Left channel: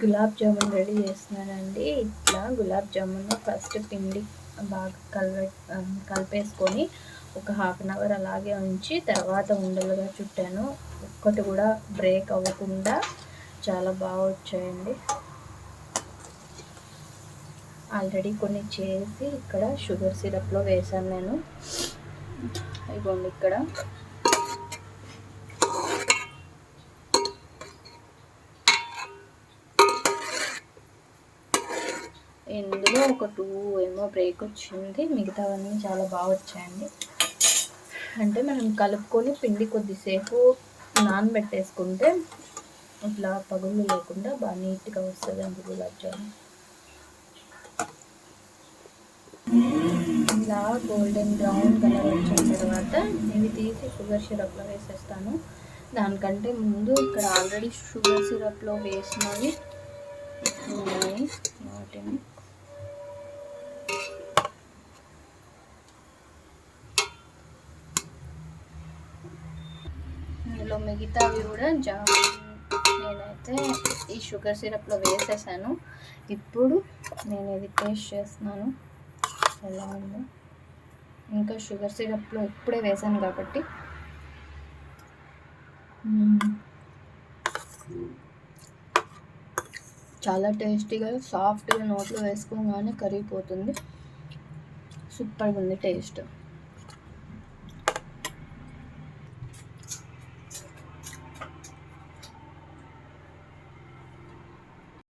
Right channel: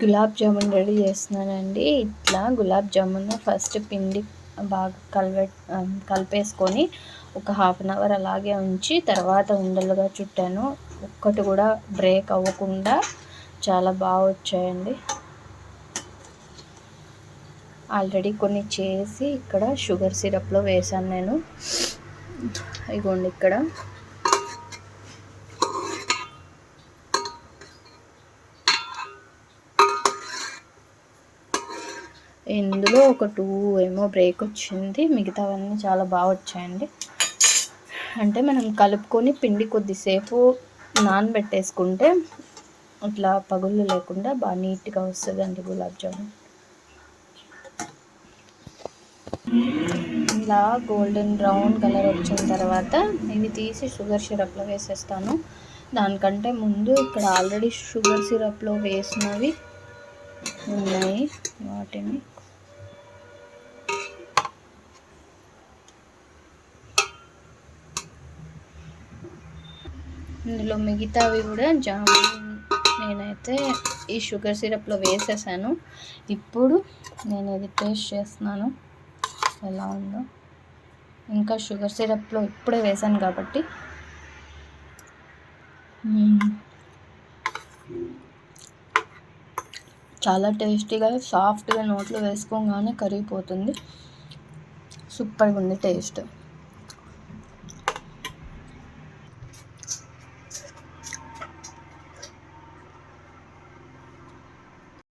Gulab jamun ready చేస్తున్నానండి. ఇట్లా gulab jamun first పిండి బాగా కలిపేసుకొని ఒక 1/2 అవర్ అలాగే ఉంచి తర్వాత ఉండలుగా చుట్టాను. ఒక్కటి కూడా బ్రేక్ అవ్వకుండా చాలా బాగా వచ్చాయండి. ఆల్రెడీ కొన్ని చేసి ఇక్కడ షుగర్ సిరప్లో వేసాను నేను. ఇగోండి ఇక్కడ ఇందులో ఒక 2 ఏమో బ్రేక్ వచ్చింది, మిగతావన్నీ చాలా బాగా వచ్చాయండి. అంటే మనం కలుపుకొని పిండి కొద్దిసేపు నానబెట్టేసుకుంటే ఇట్లా పగుళ్ళు లేకుండా బాగా నీట్గా వస్తుందండి గులాబ్ జామున్. ఇలా గోల్డెన్ బ్రౌన్ కలర్ వచ్చిన తర్వాత ఇవి తీసి షుగర్ సిరప్లో వేసేస్తాను. దానికంటే ముందు ఇక్కడ ఆల్రెడీ షుగర్ సిరప్లో వేసినవి ఉన్నాయి, వాటిని ఇందులో మిగతావి కూడా జామున్ నేనైతే ఈ షుగర్ సిరప్లో వేసేసాను. ఇప్పుడు నేను ఇది టేస్ట్ చేస్తున్నాను ఎలా ఉందో. ఇంకా షుగర్ సిరప్లో ఇప్పుడే వేసాను కాబట్టి చాలా టేస్టీగా సాఫ్ట్గా నోట్లో వేసుకోగానే కరిగిపోతుంది. సూపర్గా ఉంది టేస్ట్.